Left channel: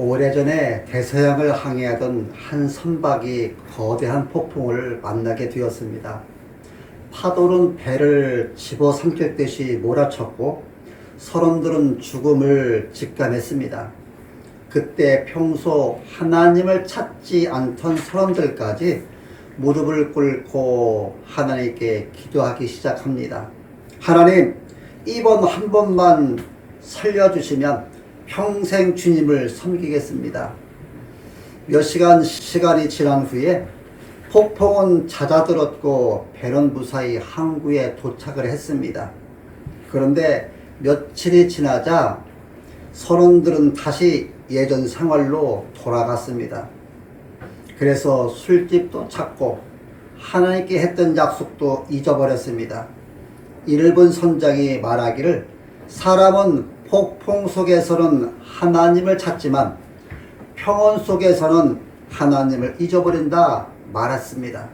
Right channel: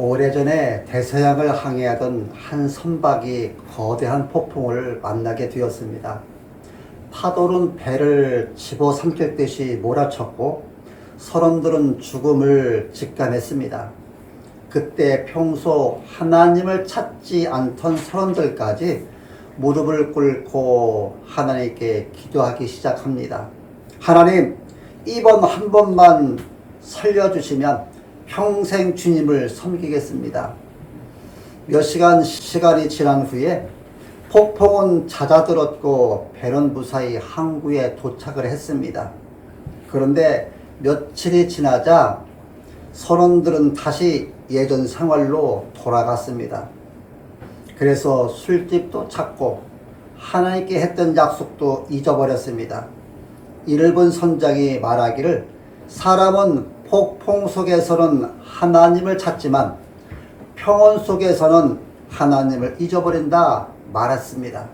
오래전에 대서양을 항해하던 한 선박이 거대한 폭풍을 만나게 되었습니다. 파도는 배를 집어삼켰듯이 몰아쳤고 선원들은 죽음을 직감했습니다. 그때 평소 하나님을 찾지 않던 선원들까지 무릎을 꿇고 하나님께 기도하기 시작합니다. 하나님, 이번 한 번만 살려주시면 평생 주님을 섬기겠습니다. 몇 시간이 지난 후에 폭풍은 잦아들었고 배는 무사히 항구에 도착을 했습니다. 그런데 며칠이 지나자 선원들은 다시 예전 생활로 돌아갔습니다. 그래서 술집도 찾고 하나님께 했던 약속도 잊어버렸습니다. 이를 본 선장이 말하기를 사람은 폭풍 속에서는 하나님을 찾지만 평온 속에서는 하나님을 잊어버린다 말했습니다.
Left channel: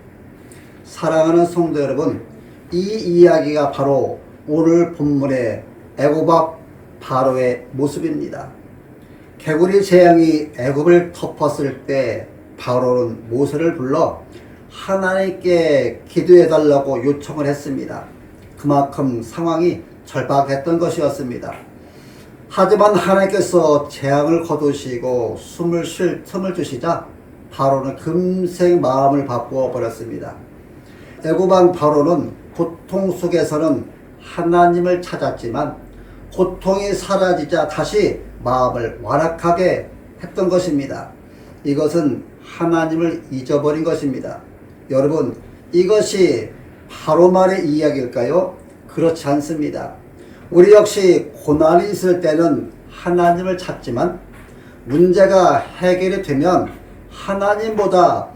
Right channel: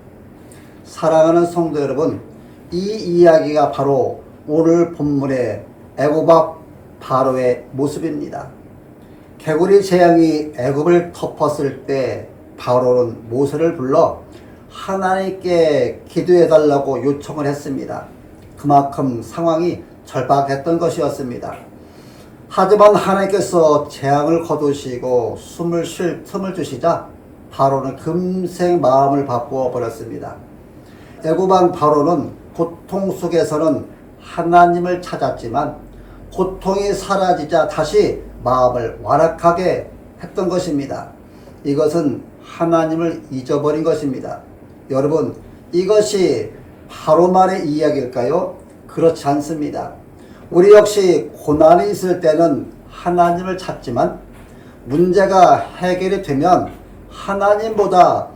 사랑하는 성도 여러분, 이 이야기가 바로 오늘 본문의 애굽 바로의 모습입니다. 개구리 재앙이 애굽을 덮었을 때 바로는 모세를 불러 하나님께 기도해달라고 요청을 했습니다. 그만큼 상황이 절박했던 것이었습니다. 하지만 하나님께서 재앙을 거두시고 숨을 쉴 틈을 주시자 바로는 금세 마음을 바꾸어 버렸습니다. 애굽 왕 바로는 고통 속에서는 하나님을 찾았지만 고통이 사라지자 다시 마음을 완악하게 했던 것입니다. 이것은 하나님을 잊어버린 것입니다. 여러분, 이것이 바로만의 이야기일까요? 그렇지 않습니다. 우리 역시 고난이 있을 때는 하나님을 찾지만 문제가 해결이 되면 하나님보다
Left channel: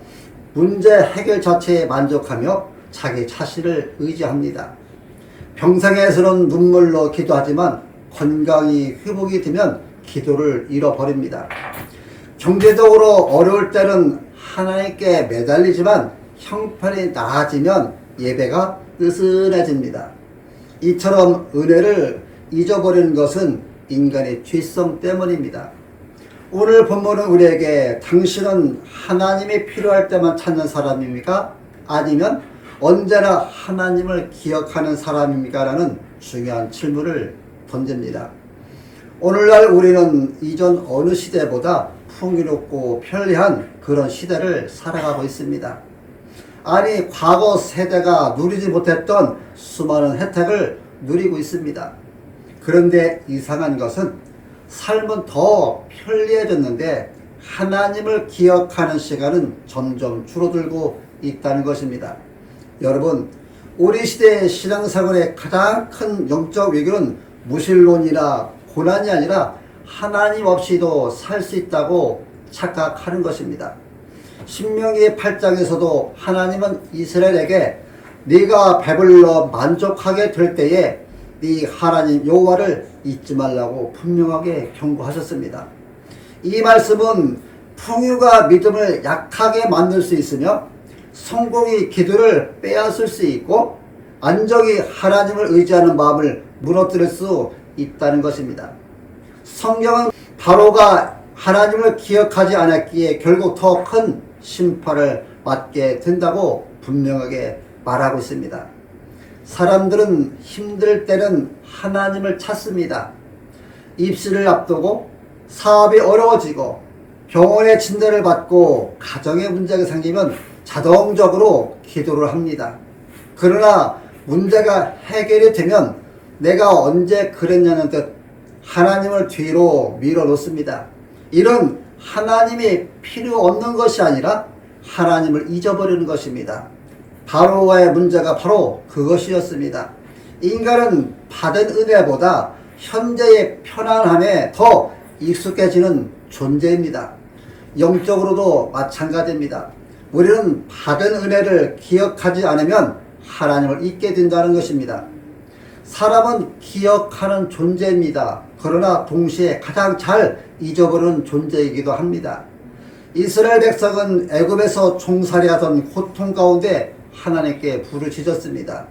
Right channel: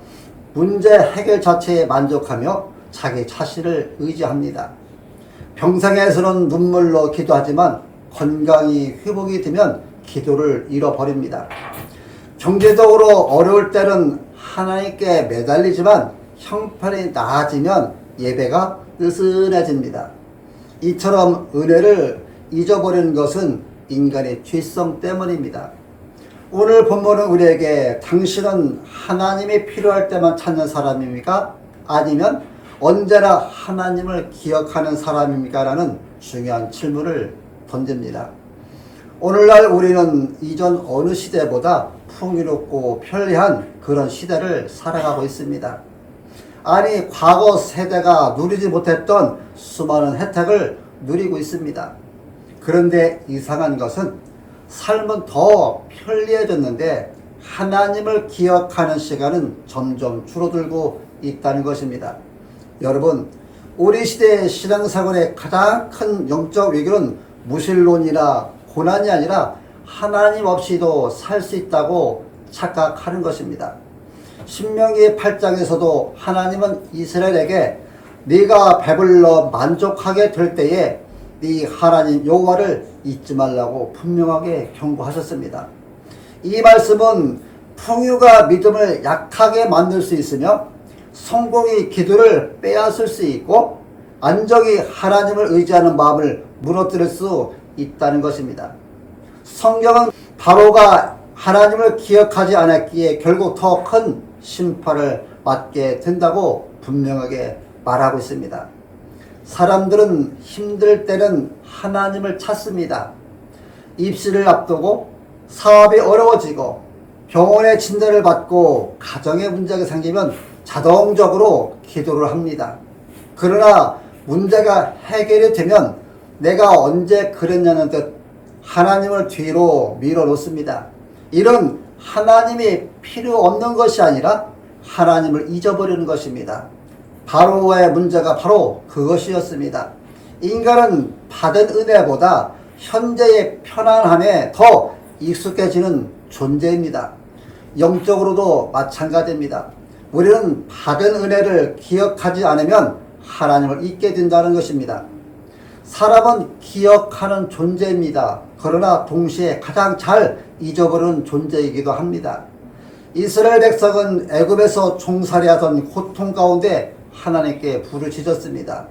문제 해결 자체에 만족하며 자기 자신을 의지합니다. 병상에서는 눈물로 기도하지만 건강이 회복이 되면 기도를 잃어버립니다. 경제적으로 어려울 때는 하나님께 매달리지만 형편이 나아지면 예배가 느슨해집니다. 이처럼 은혜를 잊어버리는 것은 인간의 죄성 때문입니다. 오늘 본문은 우리에게 당신은 하나님이 필요할 때만 찾는 사람입니까? 아니면 언제나 하나님을 기억하는 사람입니까? 라는 중요한 질문을 던집니다. 오늘날 우리는 이전 어느 시대보다 풍요롭고 편리한 그런 시대를 살아가고 있습니다. 아니, 과거 세대가 누리지 못했던 수많은 혜택을 누리고 있습니다. 그런데 이상한 것은 삶은 더 편리해졌는데 하나님을 기억하는 시간은 점점 줄어들고 있다는 것입니다. 여러분, 우리 시대의 신앙생활의 가장 큰 영적 위기는 무신론이나 고난이 아니라 하나님 없이도 살 수 있다고 착각하는 것입니다. 신명기 8장에서도 하나님은 이스라엘에게 네가 배불러 만족하게 될 때에 네 하나님 여호와를 잊지 말라고 분명하게 경고하셨습니다. 이 말씀은 풍요가 믿음을 약하게 만들 수 있으며 성공이 기도를 빼앗을 수 있고 안정이 하나님을 의지하는 마음을 무너뜨릴 수 있다는 것입니다. 성경은 바로가 하나님을 기억하지 않았기에 결국 더 큰 심판을 받게 된다고 분명하게 말하고 있습니다. 사람들은 힘들 때는 하나님을 찾습니다. 입시를 앞두고 사업이 어려워지고 병원의 진단을 받고 가정의 문제가 생기면 자동적으로 기도를 합니다. 그러나 문제가 해결이 되면 내가 언제 그랬냐는 듯 하나님을 뒤로 밀어놓습니다. 이런 하나님이 필요 없는 것이 아니라 하나님을 잊어버리는 것입니다. 바로와의 문제가 바로 그것이었습니다. 인간은 받은 은혜보다 현재의 편안함에 더 익숙해지는 존재입니다. 영적으로도 마찬가지입니다. 우리는 받은 은혜를 기억하지 않으면 하나님을 잊게 된다는 것입니다. 사람은 기억하는 존재입니다. 그러나 동시에 가장 잘 잊어버리는 존재이기도 합니다. 이스라엘 백성은 애굽에서 종살이하던 고통 가운데 하나님께 부르짖었습니다.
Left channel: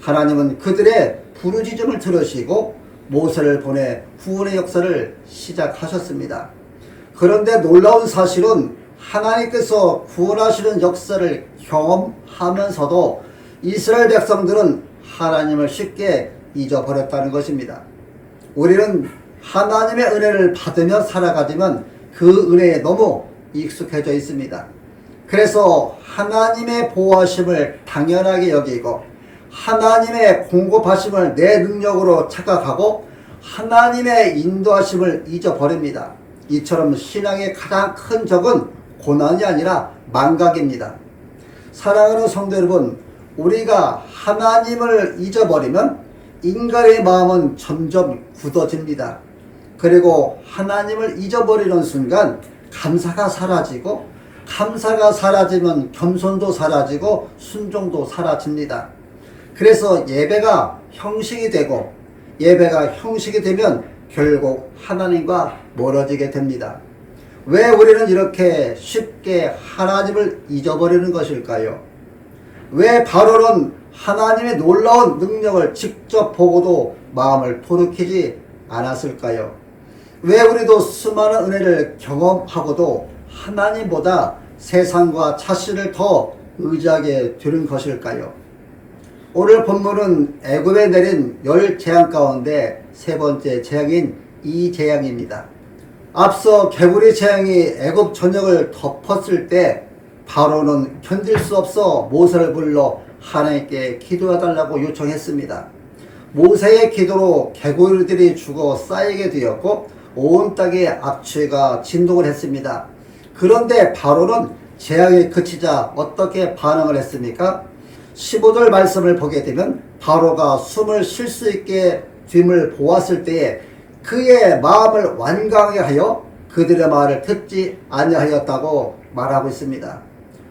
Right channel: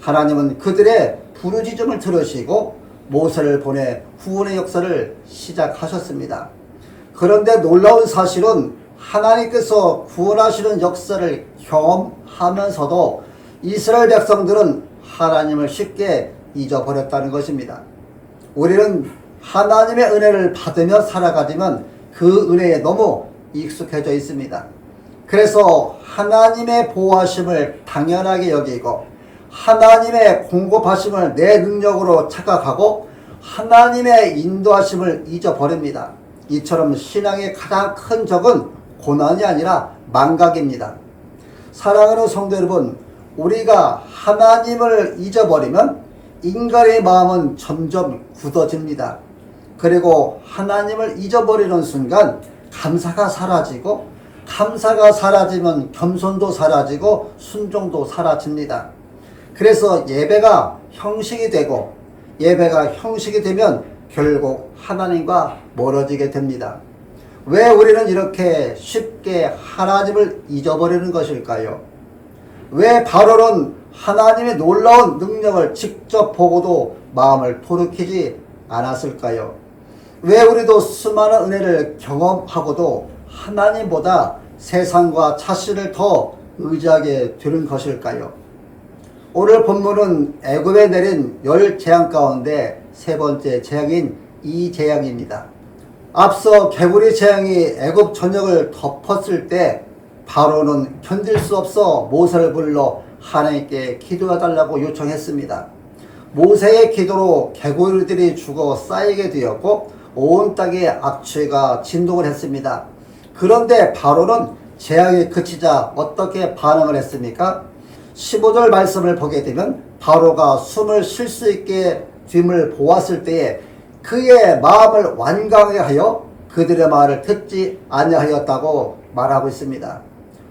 하나님은 그들의 부르짖음을 들으시고 모세를 보내 구원의 역사를 시작하셨습니다. 그런데 놀라운 사실은 하나님께서 구원하시는 역사를 경험하면서도 이스라엘 백성들은 하나님을 쉽게 잊어버렸다는 것입니다. 우리는 하나님의 은혜를 받으며 살아가지만 그 은혜에 너무 익숙해져 있습니다. 그래서 하나님의 보호하심을 당연하게 여기고 하나님의 공급하심을 내 능력으로 착각하고 하나님의 인도하심을 잊어버립니다. 이처럼 신앙의 가장 큰 적은 고난이 아니라 망각입니다. 사랑하는 성도 여러분, 우리가 하나님을 잊어버리면 인간의 마음은 점점 굳어집니다. 그리고 하나님을 잊어버리는 순간 감사가 사라지고, 감사가 사라지면 겸손도 사라지고 순종도 사라집니다. 그래서 예배가 형식이 되고, 예배가 형식이 되면 결국 하나님과 멀어지게 됩니다. 왜 우리는 이렇게 쉽게 하나님을 잊어버리는 것일까요? 왜 바로는 하나님의 놀라운 능력을 직접 보고도 마음을 돌이키지 않았을까요? 왜 우리도 수많은 은혜를 경험하고도 하나님보다 세상과 자신을 더 의지하게 되는 것일까요? 오늘 본문은 애굽에 내린 10재앙 가운데 세 번째 재앙인 이 재앙입니다. 앞서 개구리 재앙이 애굽 전역을 덮었을 때 바로는 견딜 수 없어 모세를 불러 하나님께 기도해달라고 요청했습니다. 모세의 기도로 개구리들이 죽어 쌓이게 되었고 온 땅에 악취가 진동을 했습니다. 그런데 바로는 재앙이 그치자 어떻게 반응을 했습니까? 15절 말씀을 보게 되면 바로가 숨을 쉴 수 있게 됨을 보았을 때에 그의 마음을 완강하게 하여 그들의 말을 듣지 아니하였다고 말하고 있습니다.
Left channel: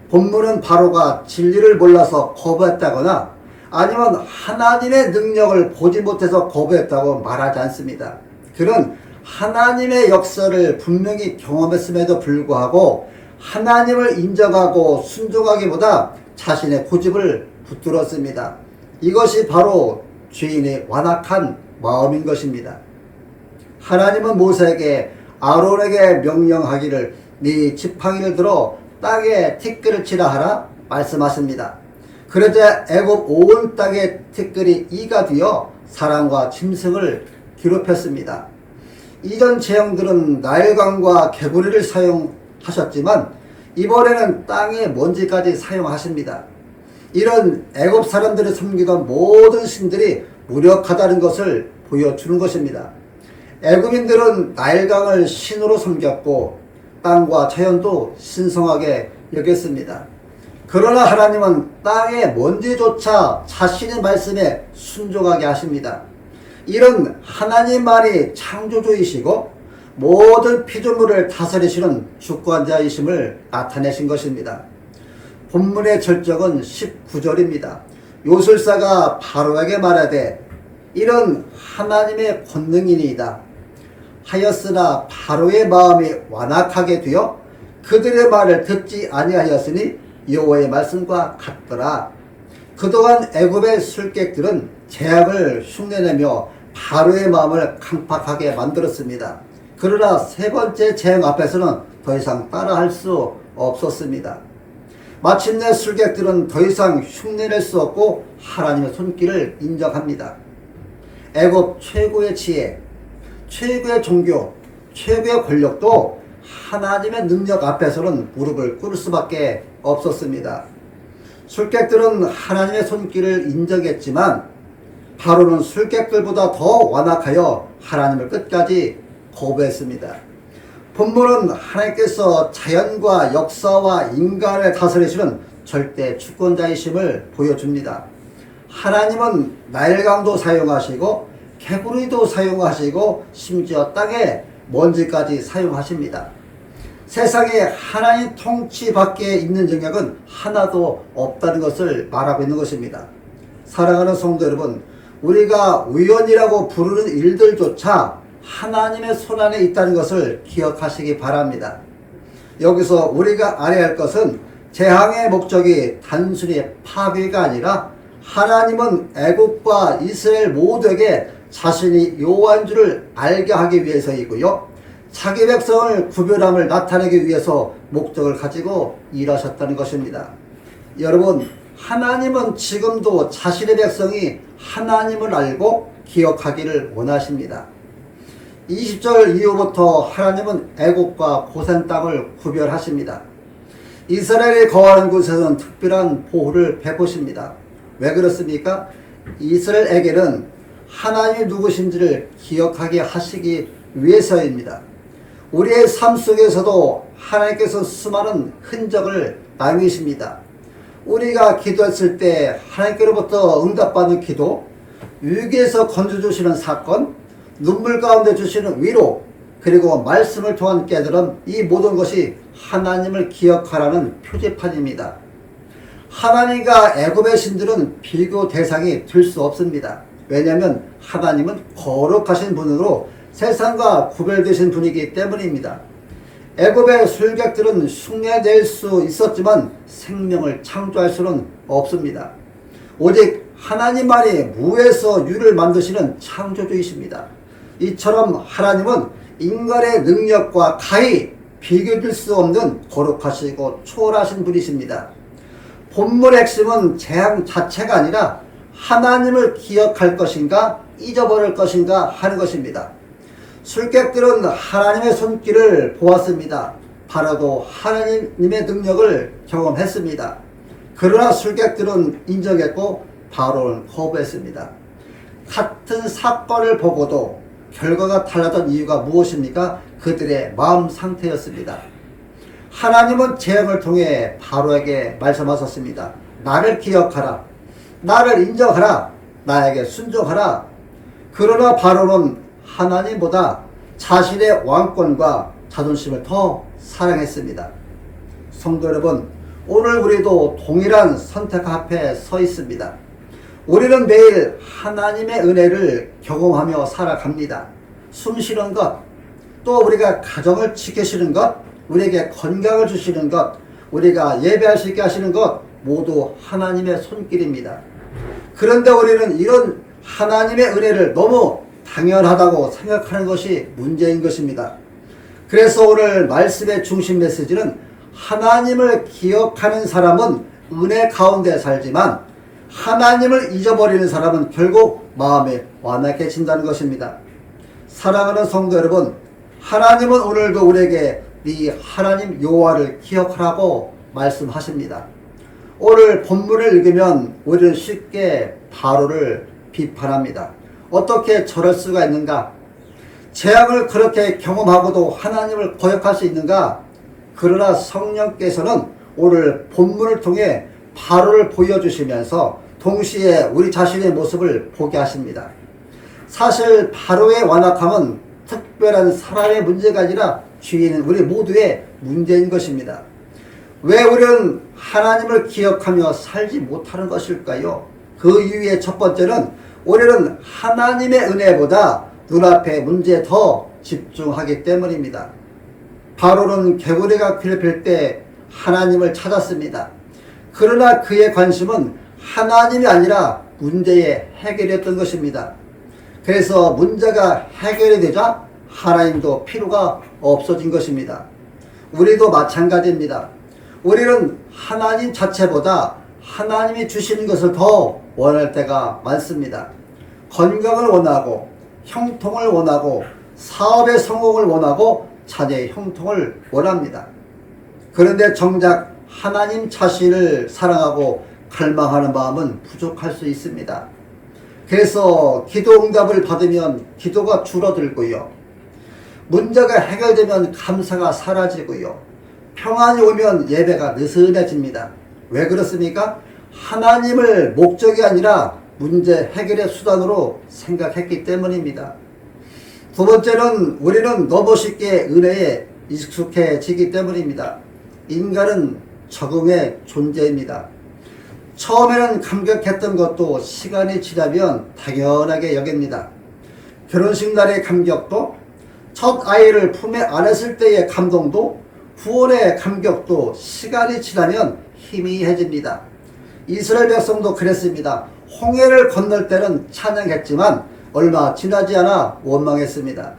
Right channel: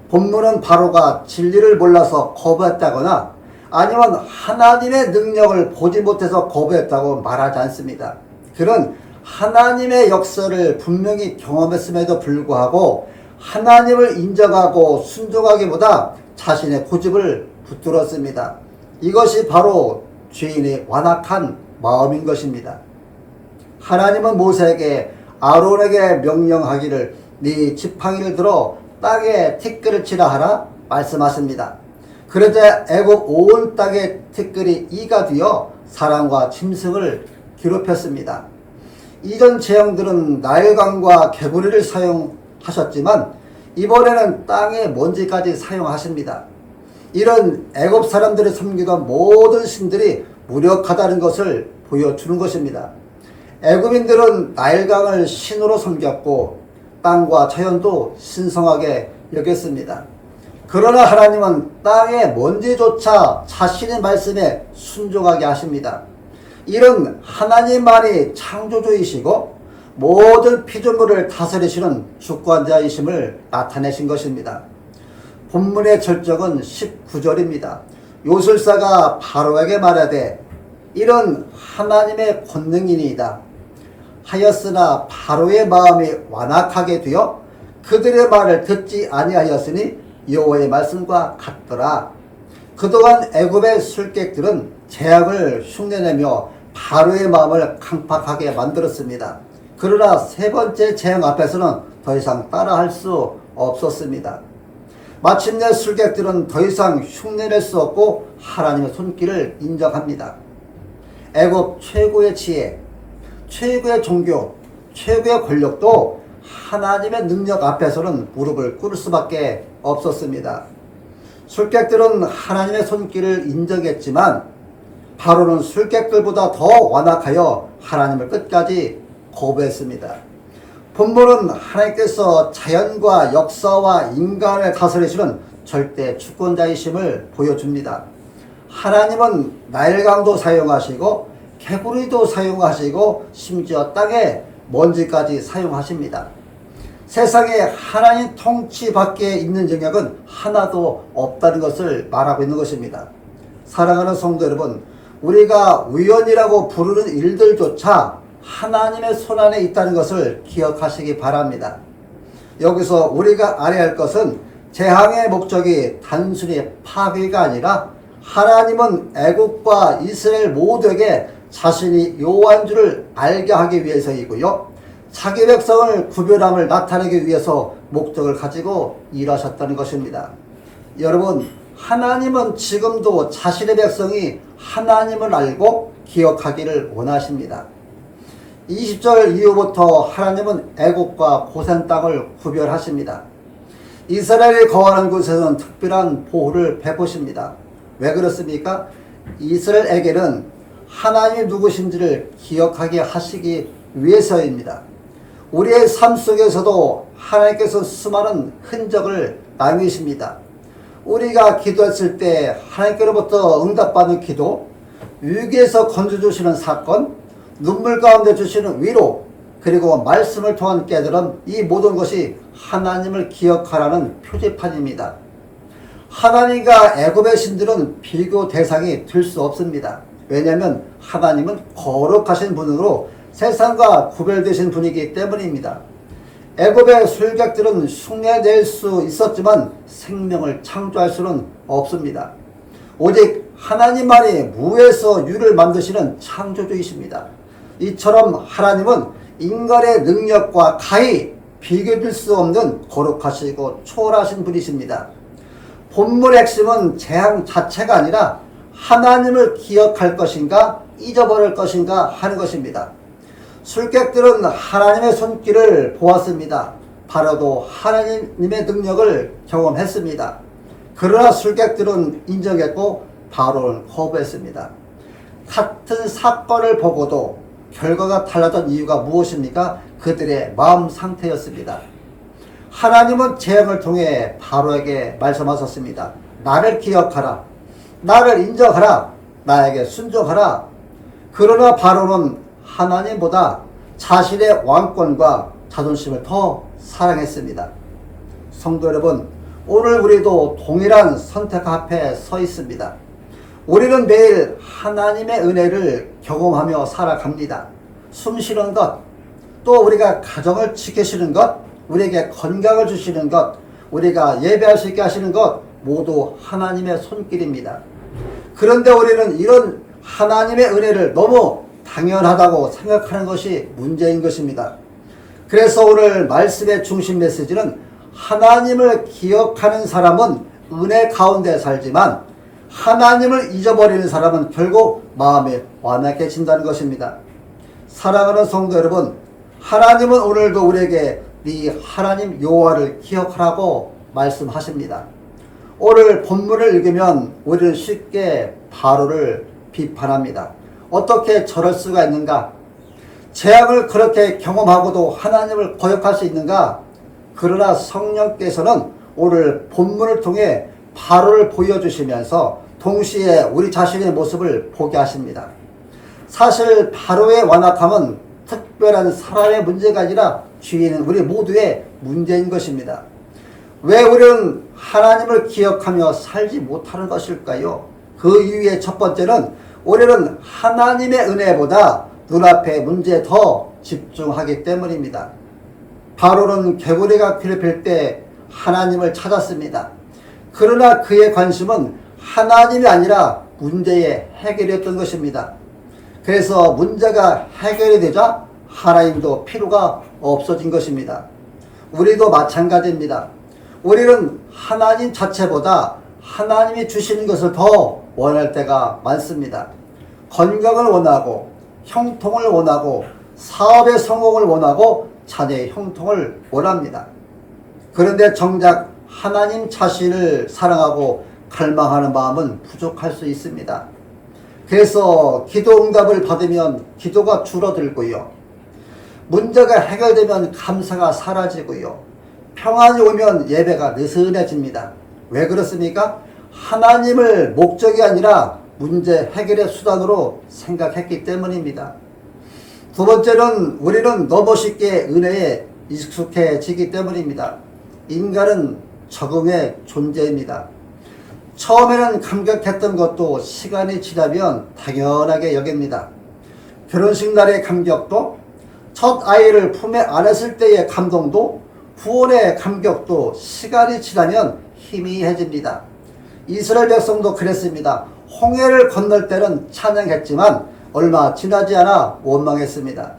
본문은 바로가 진리를 몰라서 거부했다거나 아니면 하나님의 능력을 보지 못해서 거부했다고 말하지 않습니다. 그는 하나님의 역사를 분명히 경험했음에도 불구하고 하나님을 인정하고 순종하기보다 자신의 고집을 붙들었습니다. 이것이 바로 죄인의 완악한 마음인 것입니다. 하나님은 모세에게 아론에게 명령하기를 네 지팡이를 들어 땅에 티끌을 치라 하라 말씀하십니다. 그러자 애굽 온 땅에 티끌이 이가 되어 사람과 짐승을 괴롭혔습니다. 이전 재앙들은 나일강과 개구리를 사용하셨지만 이번에는 땅의 먼지까지 사용하십니다. 이런 애굽 사람들이 섬기던 모든 신들이 무력하다는 것을 보여주는 것입니다. 애굽인들은 나일강을 신으로 섬겼고 땅과 자연도 신성하게 여겼습니다. 그러나 하나님은 땅의 먼지조차 자신의 말씀에 순종하게 하십니다. 이런 하나님만이 창조주이시고 모든 피조물을 다스리시는 주권자이심을 나타내신 것입니다. 본문의 절정은 19절입니다. 요술사가 바로에게 말하되 이런 하나님의 권능이니이다 하였으나 바로의 마음이 완악하게 되어 그들의 말을 듣지 아니하였으니 여호와의 말씀과 같더라. 그동안 애굽의 술객들은 재앙을 흉내내며 바로의 마음을 강팍하게 만들었습니다. 그러나 세 번째 재앙 앞에서는 더 이상 따라할 수 없었습니다. 마침내 술객들은 더 이상 흉내낼 수 없고 하나님의 손길을 인정합니다. 애굽 최고의 지혜, 최고의 종교, 최고의 권력도 하나님의 능력 앞에서는 무릎을 꿇을 수밖에 없었습니다. 술객들은 하나님의 손길을 인정했지만 바로는 술객들보다 더 완악하여 하나님을 끝까지 거부했습니다. 본문은 하나님께서 자연과 역사와 인간을 다스리시는 절대 주권자이심을 보여줍니다. 하나님은 나일강도 사용하시고 개구리도 사용하시고 심지어 땅에 먼지까지 사용하십니다. 세상에 하나님 통치 밖에 있는 영역은 하나도 없다는 것을 말하고 있는 것입니다. 사랑하는 성도 여러분, 우리가 우연이라고 부르는 일들조차 하나님의 손안에 있다는 것을 기억하시기 바랍니다. 여기서 우리가 알아야 할 것은 재앙의 목적이 단순히 파괴가 아니라 하나님은 애굽과 이스라엘 모두에게 자신이 여호와인 줄을 알게 하기 위해서이고요. 자기 백성을 구별함을 나타내기 위해서 목적을 가지고 일하셨다는 것입니다. 여러분, 하나님은 지금도 자신의 백성이 하나님을 알고 기억하기를 원하십니다. 20절 이후부터 하나님은 애국과 고센 땅을 구별하십니다. 이스라엘이 거하는 곳에서는 특별한 보호를 베푸십니다. 왜 그렇습니까? 이스라엘에게는 하나님이 누구신지를 기억하게 하시기 위해서입니다. 우리의 삶 속에서도 하나님께서 수많은 흔적을 남기십니다. 우리가 기도했을 때 하나님께로부터 응답받는 기도, 위기에서 건져주시는 사건, 눈물 가운데 주시는 위로, 그리고 말씀을 통한 깨달음, 이 모든 것이 하나님을 기억하라는 표지판입니다. 하나님과 애굽의 신들은 비교 대상이 될 수 없습니다. 왜냐하면 하나님은 거룩하신 분으로 세상과 구별되신 분이기 때문입니다. 애굽의 술객들은 흉내낼 수 있었지만 생명을 창조할 수는 없습니다. 오직 하나님만이 무에서 유를 만드시는 창조주이십니다. 이처럼 하나님은 인간의 능력과 가히 비교될 수 없는 거룩하시고 초월하신 분이십니다. 본문의 핵심은 재앙 자체가 아니라 하나님을 기억할 것인가 잊어버릴 것인가 하는 것입니다. 술객들은 하나님의 손길을 보았습니다. 바로도 하나님의 능력을 경험했습니다. 그러나 술객들은 인정했고 바로는 거부했습니다. 같은 사건을 보고도 결과가 달라진 이유가 무엇입니까? 그들의 마음 상태였습니다. 하나님은 재앙을 통해 바로에게 말씀하셨습니다. 나를 기억하라. 나를 인정하라. 나에게 순종하라. 그러나 바로는 하나님보다 자신의 왕권과 자존심을 더 사랑했습니다. 성도 여러분, 오늘 우리도 동일한 선택 앞에 서 있습니다. 우리는 매일 하나님의 은혜를 경험하며 살아갑니다. 숨쉬는 것, 또 우리가 가정을 지키시는 것, 우리에게 건강을 주시는 것, 우리가 예배할 수 있게 하시는 것 모두 하나님의 손길입니다. 그런데 우리는 이런 하나님의 은혜를 너무 당연하다고 생각하는 것이 문제인 것입니다. 그래서 오늘 말씀의 중심 메시지는 하나님을 기억하는 사람은 은혜 가운데 살지만 하나님을 잊어버리는 사람은 결국 마음에 완악해진다는 것입니다. 사랑하는 성도 여러분, 하나님은 오늘도 우리에게 네 하나님 여호와를 기억하라고 말씀하십니다. 오늘 본문을 읽으면 우리는 쉽게 바로를 비판합니다. 어떻게 저럴 수가 있는가? 재앙을 그렇게 경험하고도 하나님을 거역할 수 있는가? 그러나 성령께서는 오늘 본문을 통해 바로를 보여주시면서 동시에 우리 자신의 모습을 보게 하십니다. 사실 바로의 완악함은 특별한 사람의 문제가 아니라 주인은 우리 모두의 문제인 것입니다. 왜 우리는 하나님을 기억하며 살지 못하는 것일까요? 그 이유의 첫 번째는 우리는 하나님의 은혜보다 눈앞의 문제에 더 집중하기 때문입니다. 바로는 개구리가 피를 필 때 하나님을 찾았습니다. 그러나 그의 관심은 하나님이 아니라 문제의 해결이었던 것입니다. 그래서 문제가 해결이 되자 하나님도 필요가 없어진 것입니다. 우리도 마찬가지입니다. 우리는 하나님 자체보다 하나님이 주시는 것을 더 원할 때가 많습니다. 건강을 원하고 형통을 원하고 사업의 성공을 원하고 자녀의 형통을 원합니다. 그런데 정작 하나님 자신을 사랑하고 갈망하는 마음은 부족할 수 있습니다. 그래서 기도 응답을 받으면 기도가 줄어들고요. 문제가 해결되면 감사가 사라지고요. 평안이 오면 예배가 느슨해집니다. 왜 그렇습니까? 하나님을 목적이 아니라 문제 해결의 수단으로 생각했기 때문입니다. 두 번째는 우리는 너무 쉽게 은혜에 익숙해지기 때문입니다. 인간은 적응의 존재입니다. 처음에는 감격했던 것도 시간이 지나면 당연하게 여깁니다. 결혼식 날의 감격도, 첫 아이를 품에 안았을 때의 감동도, 구원의 감격도 시간이 지나면 희미해집니다. 이스라엘 백성도 그랬습니다. 홍해를 건널 때는 찬양했지만 얼마 지나지 않아 원망했습니다.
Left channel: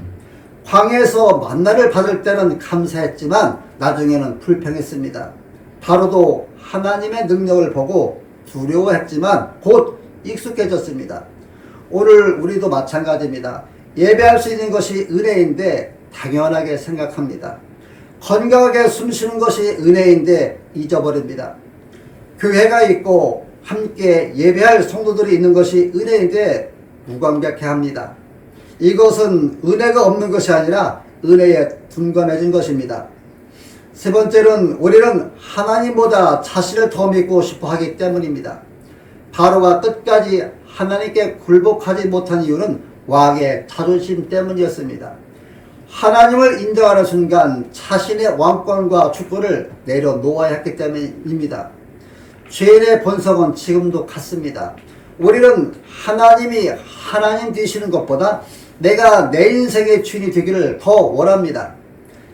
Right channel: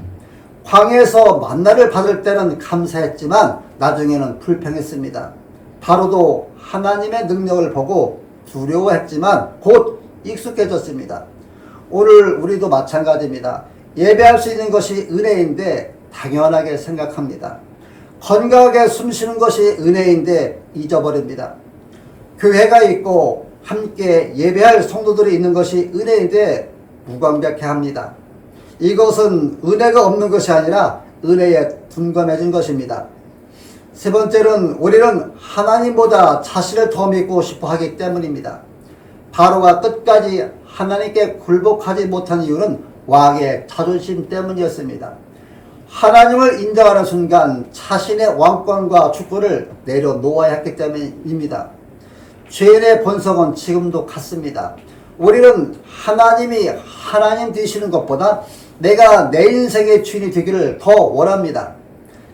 광야에서 만나를 받을 때는 감사했지만 나중에는 불평했습니다. 바로도 하나님의 능력을 보고 두려워했지만 곧 익숙해졌습니다. 오늘 우리도 마찬가지입니다. 예배할 수 있는 것이 은혜인데 당연하게 생각합니다. 건강하게 숨쉬는 것이 은혜인데 잊어버립니다. 교회가 있고 함께 예배할 성도들이 있는 것이 은혜인데 무감각해합니다. 이것은 은혜가 없는 것이 아니라 은혜에 둔감해진 것입니다. 세 번째는 우리는 하나님보다 자신을 더 믿고 싶어 하기 때문입니다. 바로가 끝까지 하나님께 굴복하지 못한 이유는 왕의 자존심 때문이었습니다. 하나님을 인정하는 순간 자신의 왕권과 주권을 내려놓아야 했기 때문입니다. 죄인의 본성은 지금도 같습니다. 우리는 하나님이 하나님 되시는 것보다 내가 내 인생의 주인이 되기를 더 원합니다.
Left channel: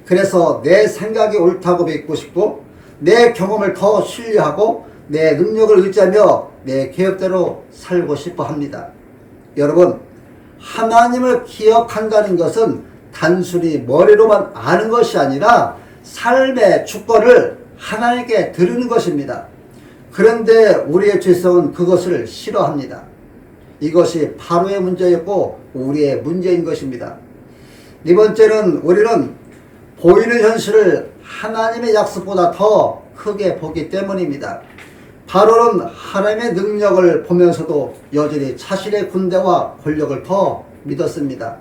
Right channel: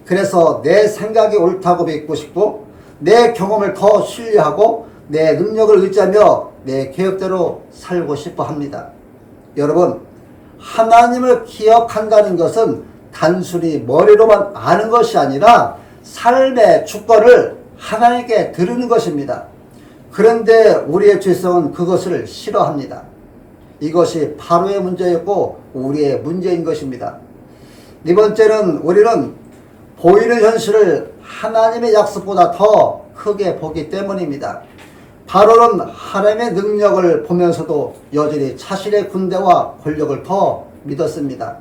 그래서 내 생각이 옳다고 믿고 싶고 내 경험을 더 신뢰하고 내 능력을 의지하며 내 계획대로 살고 싶어 합니다. 여러분, 하나님을 기억한다는 것은 단순히 머리로만 아는 것이 아니라 삶의 주권을 하나님께 드리는 것입니다. 그런데 우리의 죄성은 그것을 싫어합니다. 이것이 바로의 문제였고 우리의 문제인 것입니다. 네 번째는 우리는 보이는 현실을 하나님의 약속보다 더 크게 보기 때문입니다. 바로는 하나님의 능력을 보면서도 여전히 자신의 군대와 권력을 더 믿었습니다.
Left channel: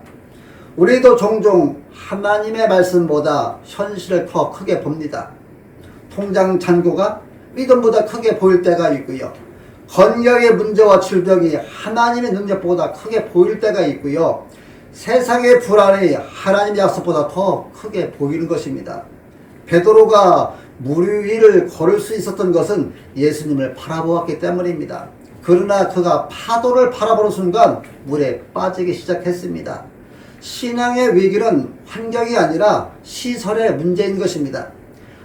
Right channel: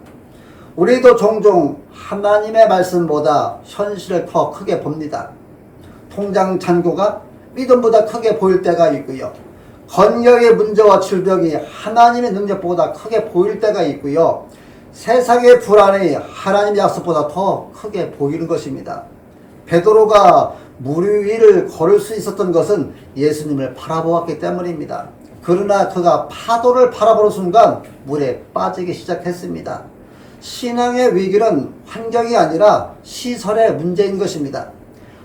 우리도 종종 하나님의 말씀보다 현실을 더 크게 봅니다. 통장 잔고가 믿음보다 크게 보일 때가 있고요. 건강의 문제와 질병이 하나님의 능력보다 크게 보일 때가 있고요. 세상의 불안이 하나님의 약속보다 더 크게 보이는 것입니다. 베드로가 물 위를 걸을 수 있었던 것은 예수님을 바라보았기 때문입니다. 그러나 그가 파도를 바라보는 순간 물에 빠지기 시작했습니다. 신앙의 위기는 환경이 아니라 시설의 문제인 것입니다.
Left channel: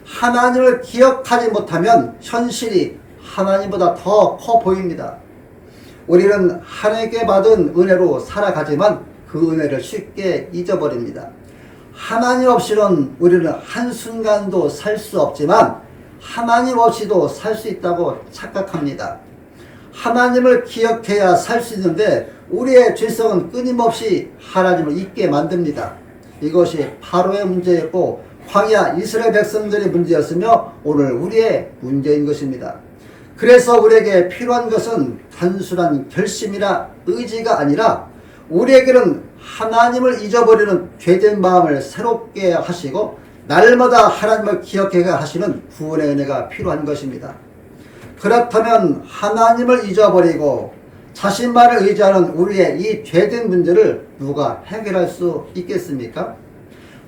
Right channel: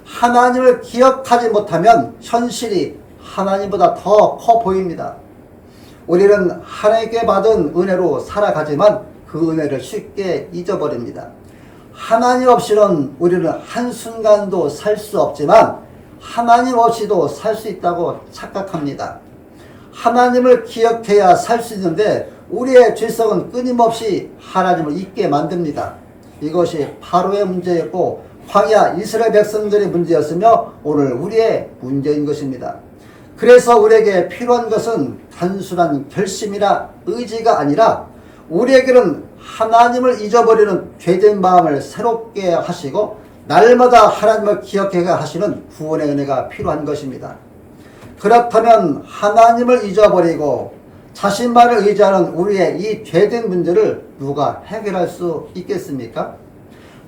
하나님을 기억하지 못하면 현실이 하나님보다 더 커 보입니다. 우리는 하나님께 받은 은혜로 살아가지만 그 은혜를 쉽게 잊어버립니다. 하나님 없이는 우리는 한순간도 살 수 없지만 하나님 없이도 살 수 있다고 착각합니다. 하나님을 기억해야 살 수 있는데 우리의 죄성은 끊임없이 하나님을 잊게 만듭니다. 이것이 바로의 문제였고 광야 이스라엘 백성들의 문제였으며 오늘 우리의 문제인 것입니다. 그래서 우리에게 필요한 것은 단순한 결심이나 의지가 아니라 우리에게는 하나님을 잊어버리는 죄된 마음을 새롭게 하시고 날마다 하나님을 기억하게 하시는 구원의 은혜가 필요한 것입니다. 그렇다면 하나님을 잊어버리고 자신만을 의지하는 우리의 이 죄된 문제를 누가 해결할 수 있겠습니까?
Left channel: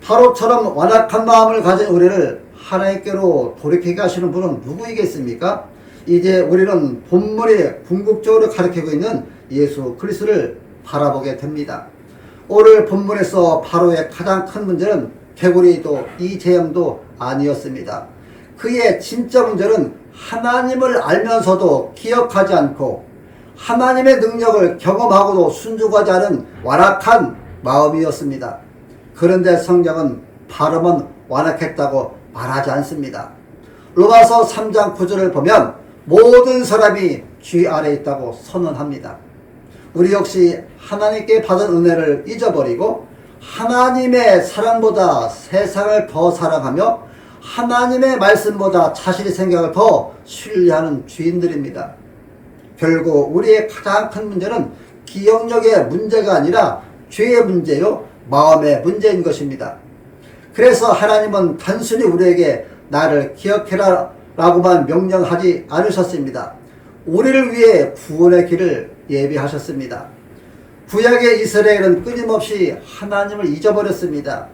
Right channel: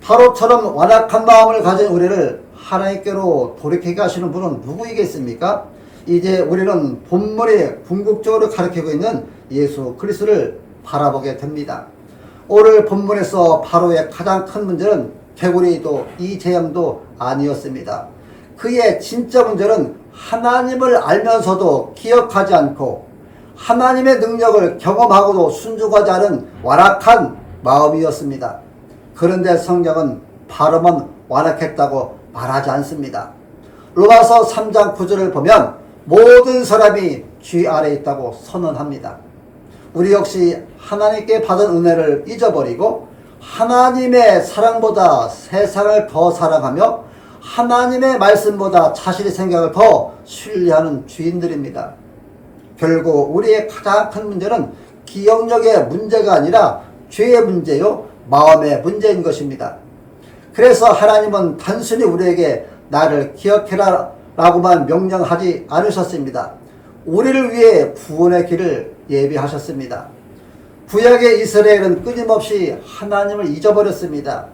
바로처럼 완악한 마음을 가진 우리를 하나님께로 돌이키게 하시는 분은 누구이겠습니까? 이제 우리는 본문에 궁극적으로 가르치고 있는 예수 그리스도를 바라보게 됩니다. 오늘 본문에서 바로의 가장 큰 문제는 개구리도 이재영도 아니었습니다. 그의 진짜 문제는 하나님을 알면서도 기억하지 않고 하나님의 능력을 경험하고도 순종하지 않은 완악한 마음이었습니다. 그런데 성경은 바로만 완악했다고 말하지 않습니다. 로마서 3장 9절을 보면 모든 사람이 죄 아래 있다고 선언합니다. 우리 역시 하나님께 받은 은혜를 잊어버리고 하나님의 사랑보다 세상을 더 사랑하며 하나님의 말씀보다 자신의 생각을 더 신뢰하는 죄인들입니다. 결국 우리의 가장 큰 문제는 기억력의 문제가 아니라 죄의 문제요, 마음의 문제인 것입니다. 그래서 하나님은 단순히 우리에게 나를 기억해라 라고만 명령하지 않으셨습니다. 우리를 위해 구원의 길을 예비하셨습니다. 구약의 이스라엘은 끊임없이 하나님을 잊어버렸습니다.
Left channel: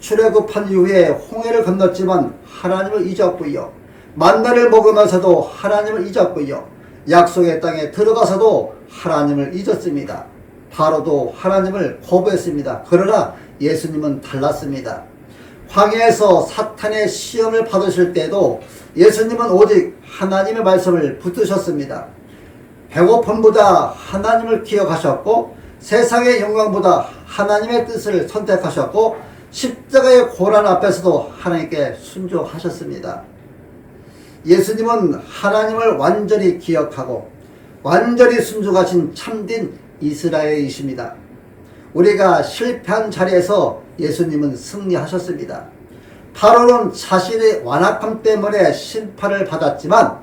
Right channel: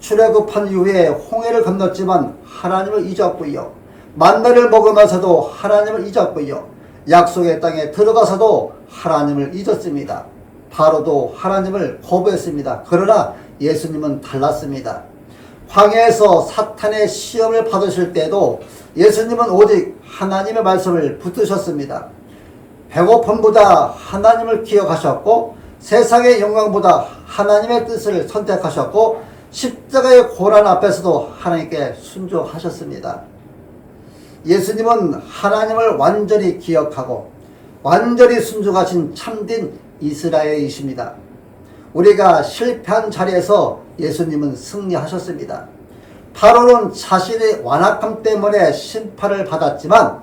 출애굽한 이후에 홍해를 건넜지만 하나님을 잊었고요. 만나를 먹으면서도 하나님을 잊었고요. 약속의 땅에 들어가서도 하나님을 잊었습니다. 바로도 하나님을 거부했습니다. 그러나 예수님은 달랐습니다. 광야에서 사탄의 시험을 받으실 때도 예수님은 오직 하나님의 말씀을 붙드셨습니다. 배고픔보다 하나님을 기억하셨고 세상의 영광보다 하나님의 뜻을 선택하셨고 십자가의 고난 앞에서도 하나님께 순종하셨습니다. 예수님은 하나님을 완전히 기억하고 완전히 순종하신 참된 이스라엘이십니다. 우리가 실패한 자리에서 예수님은 승리하셨습니다. 바로는 자신의 완악함 때문에 심판을 받았지만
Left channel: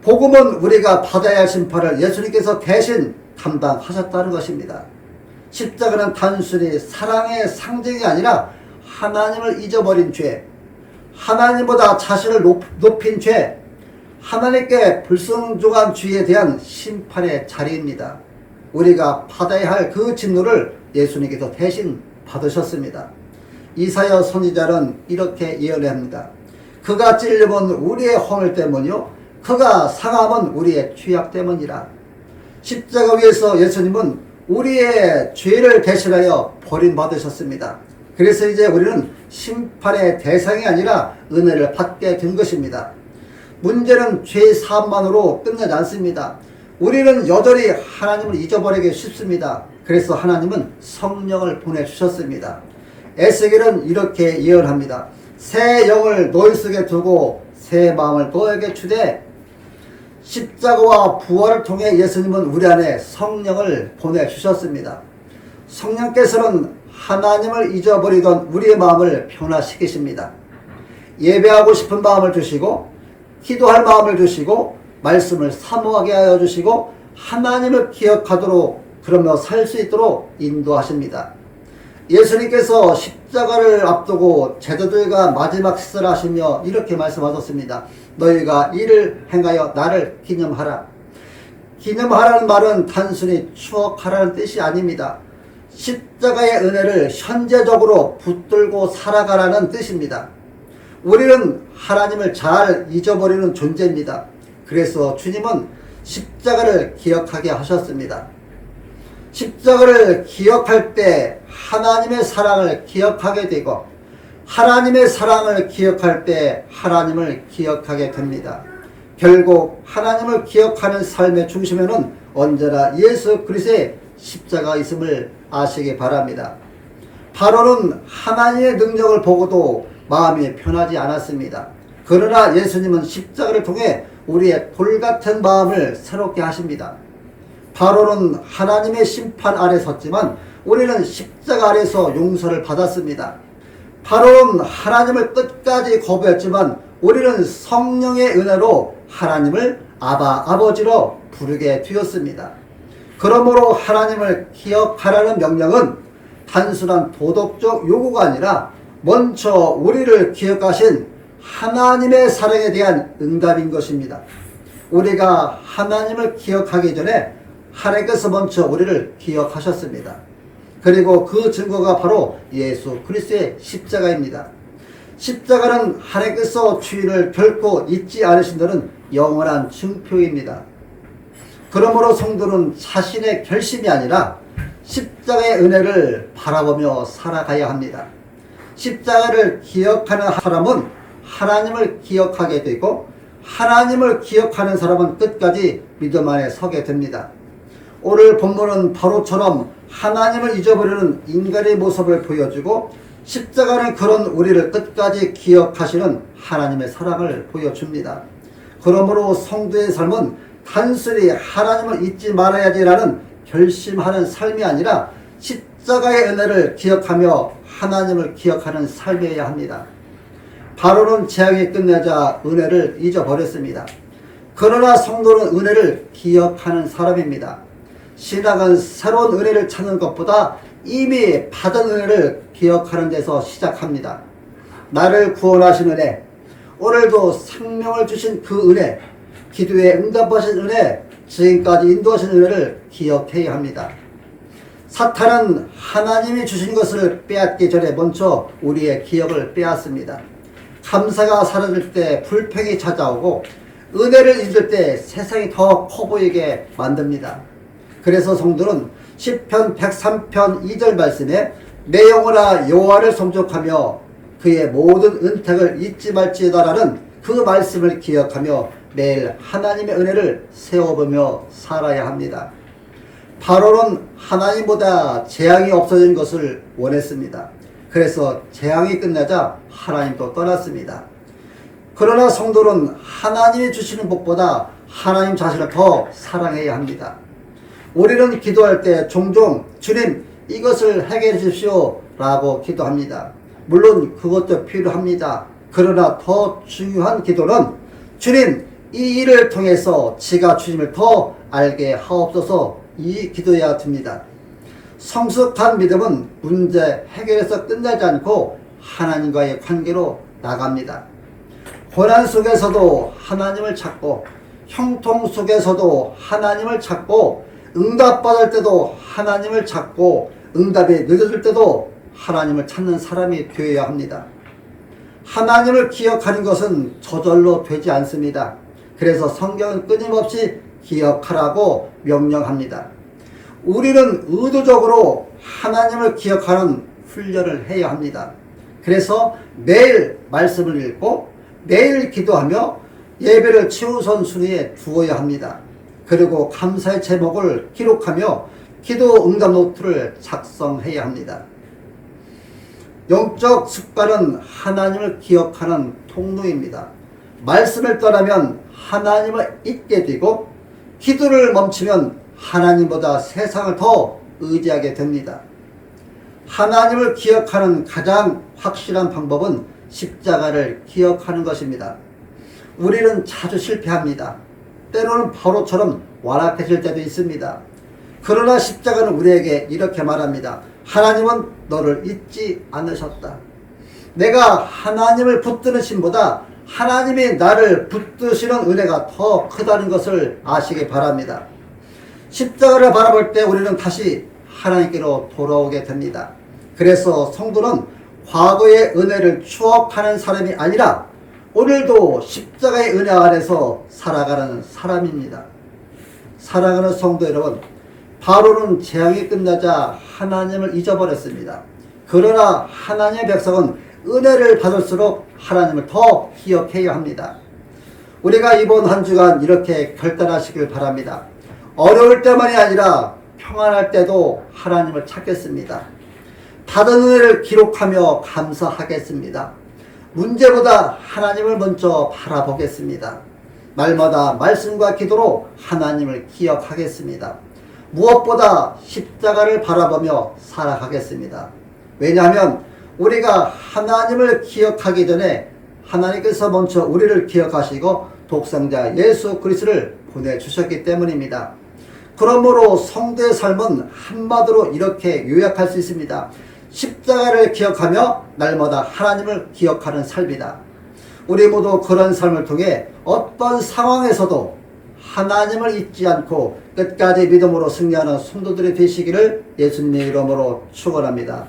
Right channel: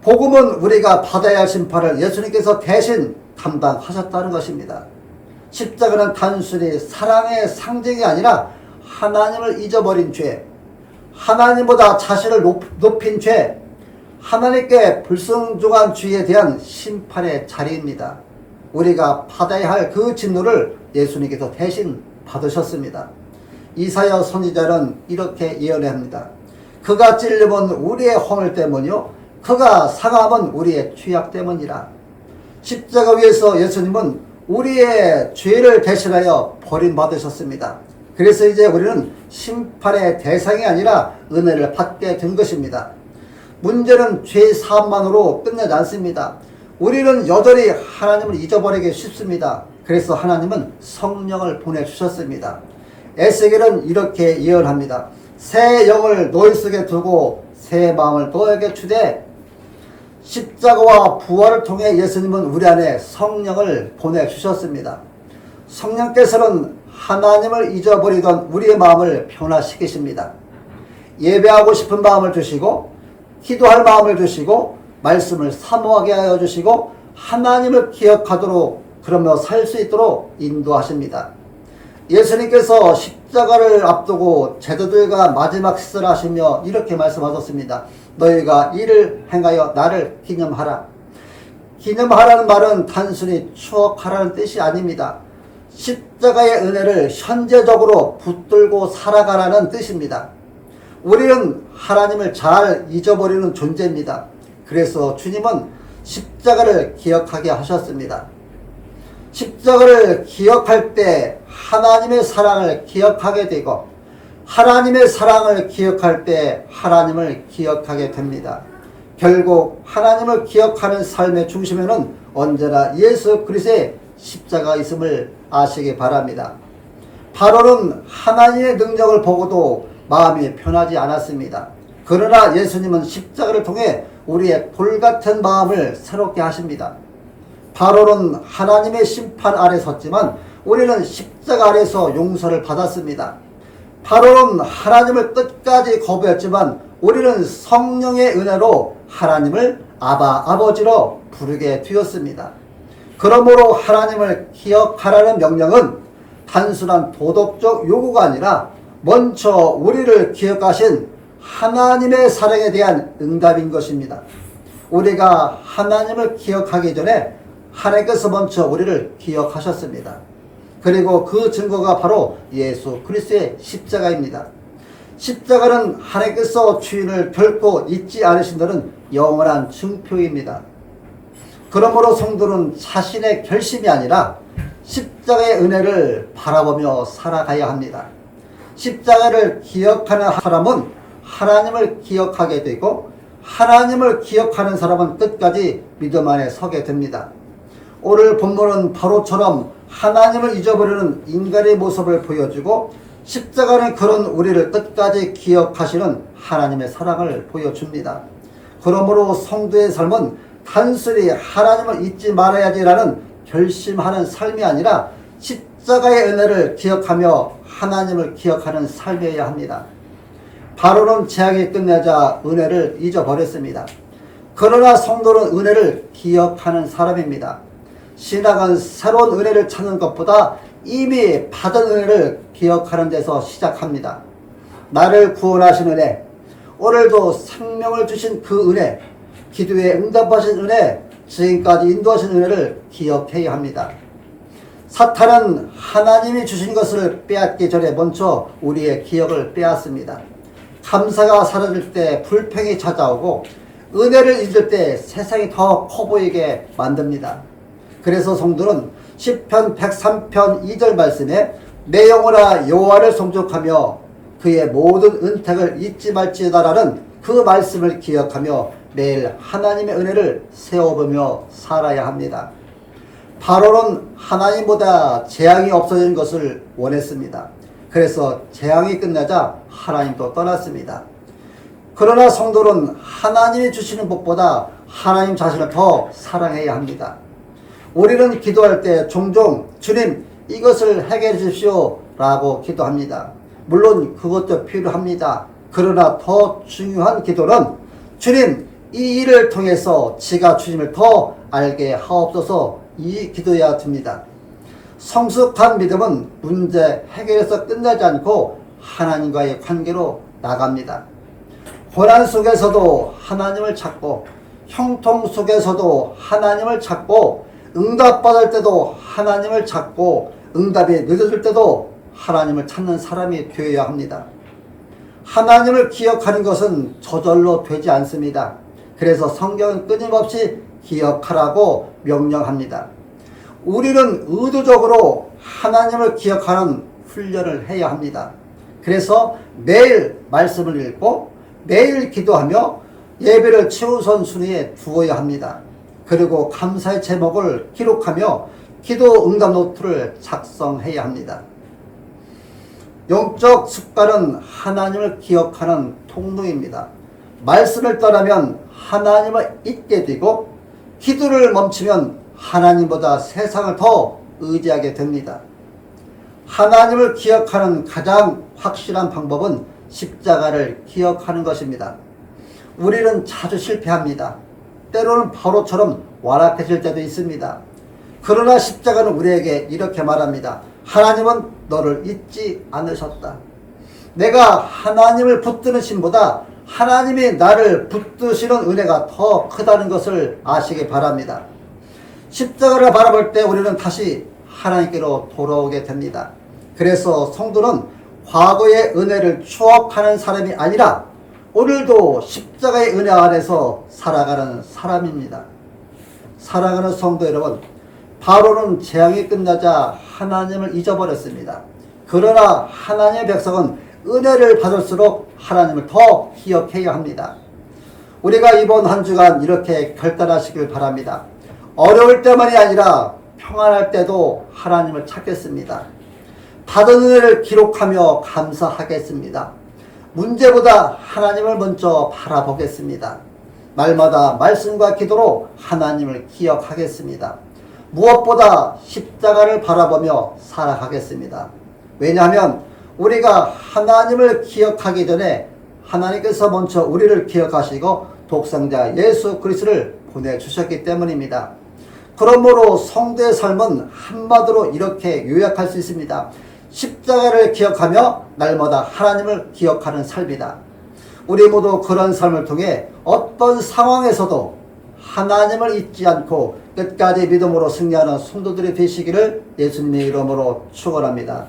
복음은 우리가 받아야 할 심판을 예수님께서 대신 담당하셨다는 것입니다. 십자가는 단순히 사랑의 상징이 아니라 하나님을 잊어버린 죄, 하나님보다 자신을 높인 죄, 하나님께 불순종한 죄에 대한 심판의 자리입니다. 우리가 받아야 할 그 진노를 예수님께서 대신 받으셨습니다. 이사야 선지자는 이렇게 예언합니다. 그가 찔림은 우리의 허물 때문이요 그가 상함은 우리의 죄악 때문이라. 십자가 위에서 예수님은 우리의 죄를 대신하여 버림받으셨습니다. 그래서 이제 우리는 심판의 대상이 아니라 은혜를 받게 된 것입니다. 문제는 죄 사함만으로 끝나지 않습니다. 우리는 여전히 하나님을 잊어버리기 쉽습니다. 그래서 하나님은 성령을 보내주셨습니다. 에스겔은 이렇게 예언합니다. 새 영을 너희 속에 두고 새 마음을 너에게 주되. 십자가와 부활을 통해 예수님은 우리 안에 성령을 보내주셨습니다. 성령께서는 하나님을 잊어버리던 우리의 마음을 변화시키십니다. 예배하고 싶은 마음을 주시고 기도할 마음을 주시고 말씀을 사모하게 하여 주시고 하나님을 기억하도록 그러며 살 수 있도록 인도하십니다. 예수님께서 십자가를 앞두고 제자들과 마지막 식사를 하시며 이렇게 말씀하셨습니다. 너희가 이를 행하여 나를 기념하라. 기념하라는 말은 단순히 추억하라는 뜻이 아닙니다. 십자가의 은혜를 현재적으로 붙들고 살아가라는 뜻입니다. 우리는 하나님을 잘 잊어버리는 존재입니다. 그래서 주님은 십자가를 기억하게 하셨습니다. 십자가를 기억할 때 하나님의 사랑을 기억하게 되고 하나님의 사랑을 기억할 때 하나님을 기억하게 됩니다. 결국 하나님을 기억하는 삶의 중심에는 언제나 예수 그리스도의 십자가 있음을 아시기 바랍니다. 바로는 하나님의 능력을 보고도 마음이 편하지 않았습니다. 그러나 예수님은 십자가를 통해 우리의 돌같은 마음을 새롭게 하십니다. 바로는 하나님의 심판 아래 섰지만 우리는 십자가 아래서 용서를 받았습니다. 바로는 하나님을 끝까지 거부했지만 우리는 성령의 은혜로 하나님을 아바 아버지로 부르게 되었습니다. 그러므로 하나님을 기억하라는 명령은 단순한 도덕적 요구가 아니라 먼저 우리를 기억하신 하나님의 사랑에 대한 응답인 것입니다. 우리가 하나님을 기억하기 전에 하나님께서 먼저 우리를 기억하셨습니다. 그리고 그 증거가 바로 예수 그리스도의 십자가입니다. 십자가는 하나님께서 주인을 결코 잊지 않으신다는 영원한 증표입니다. 그러므로 성도는 자신의 결심이 아니라 십자가의 은혜를 바라보며 살아가야 합니다. 십자가를 기억하는 사람은 하나님을 기억하게 되고 하나님을 기억하는 사람은 끝까지 믿음 안에 서게 됩니다. 오늘 본문은 바로처럼 하나님을 잊어버리는 인간의 모습을 보여주고 십자가는 그런 우리를 끝까지 기억하시는 하나님의 사랑을 보여줍니다. 그러므로 성도의 삶은 단순히 하나님을 잊지 말아야지라는 결심하는 삶이 아니라 십자가의 은혜를 기억하며 하나님을 기억하는 삶이어야 합니다. 바로는 재앙이 끝나자 은혜를 잊어버렸습니다. 그러나 성도는 은혜를 기억하는 사람입니다. 신앙은 새로운 은혜를 찾는 것보다 이미 받은 은혜를 기억하는 데서 시작합니다. 나를 구원하신 은혜, 오늘도 생명을 주신 그 은혜, 기도에 응답하신 은혜, 지금까지 인도하신 은혜를 기억해야 합니다. 사탄은 하나님이 주신 것을 빼앗기 전에 먼저 우리의 기억을 빼앗습니다. 감사가 사라질 때 불평이 찾아오고 은혜를 잊을 때 세상이 더 커 보이게 만듭니다. 그래서 성도는 시편 103편 2절 말씀에 내 영혼아 여호와를 송축하며 그의 모든 은택을 잊지 말지어다라는 그 말씀을 기억하며 매일 하나님의 은혜를 세워보며 살아야 합니다. 바로는 하나님보다 재앙이 없어진 것을 원했습니다. 그래서 재앙이 끝나자 하나님도 떠났습니다. 그러나 성도는 하나님이 주시는 복보다 하나님 자신을 더 사랑해야 합니다. 우리는 기도할 때 종종 주님 이것을 해결해 주십시오 라고 기도합니다. 물론 그것도 필요합니다. 그러나 더 중요한 기도는 주님 이 일을 통해서 지가 주님을 더 알게 하옵소서 이 기도해야 됩니다. 성숙한 믿음은 문제 해결에서 끝나지 않고 하나님과의 관계로 나갑니다. 고난 속에서도 하나님을 찾고 형통 속에서도 하나님을 찾고 응답받을 때도 하나님을 찾고 응답이 늦어질 때도 하나님을 찾는 사람이 되어야 합니다. 하나님을 기억하는 것은 저절로 되지 않습니다. 그래서 성경은 끊임없이 기억하라고 명령합니다. 우리는 의도적으로 하나님을 기억하는 훈련을 해야 합니다. 그래서 매일 말씀을 읽고 매일 기도하며 예배를 최우선 순위에 두어야 합니다. 그리고 감사의 제목을 기록하며 기도 응답 노트를 작성해야 합니다. 영적 습관은 하나님을 기억하는 통로입니다. 말씀을 떠나면 하나님을 잊게 되고 기도를 멈추면 하나님보다 세상을 더 의지하게 됩니다. 하나님을 기억하는 가장 확실한 방법은 십자가를 기억하는 것입니다. 우리는 자주 실패합니다. 때로는 바로처럼 완악해질 때도 있습니다. 그러나 십자가는 우리에게 이렇게 말합니다. 하나님은 너를 잊지 않으셨다. 내가 하나님을 붙드는 신보다 하나님이 나를 붙드시는 은혜가 더 크다는 것을 아시기 바랍니다. 십자가를 바라볼 때 우리는 다시 하나님께로 돌아오게 됩니다. 그래서 성도는 과거의 은혜를 추억하는 사람이 아니라 오늘도 십자가의 은혜 안에서 살아가는 사람입니다. 사랑하는 성도 여러분, 바로는 재앙이 끝나자 하나님을 잊어버렸습니다. 그러나 하나님의 백성은 은혜를 받을수록 하나님을 더 기억해야 합니다. 우리가 이번 한 주간 이렇게 결단하시길 바랍니다. 어려울 때만이 아니라 평안할 때도 하나님을 찾겠습니다. 받은 은혜를 기록하며 감사하겠습니다. 문제보다 하나님을 먼저 바라보겠습니다. 날마다 말씀과 기도로 하나님을 기억하겠습니다. 무엇보다 십자가를 바라보며 살아가겠습니다. 왜냐하면 우리가 하나님을 기억하기 전에 하나님께서 먼저 우리를 기억하시고 독생자 예수 그리스도를 보내주셨기 때문입니다. 그러므로 성도의 삶은 한마디로 이렇게 요약할 수 있습니다. 십자가를 기억하며 날마다 하나님을 기억하는 삶이다. 우리 모두 그런 삶을 통해 어떤 상황에서도 하나님을 잊지 않고 끝까지 믿음으로 승리하는 성도들이 되시기를 예수님의 이름으로 축원합니다.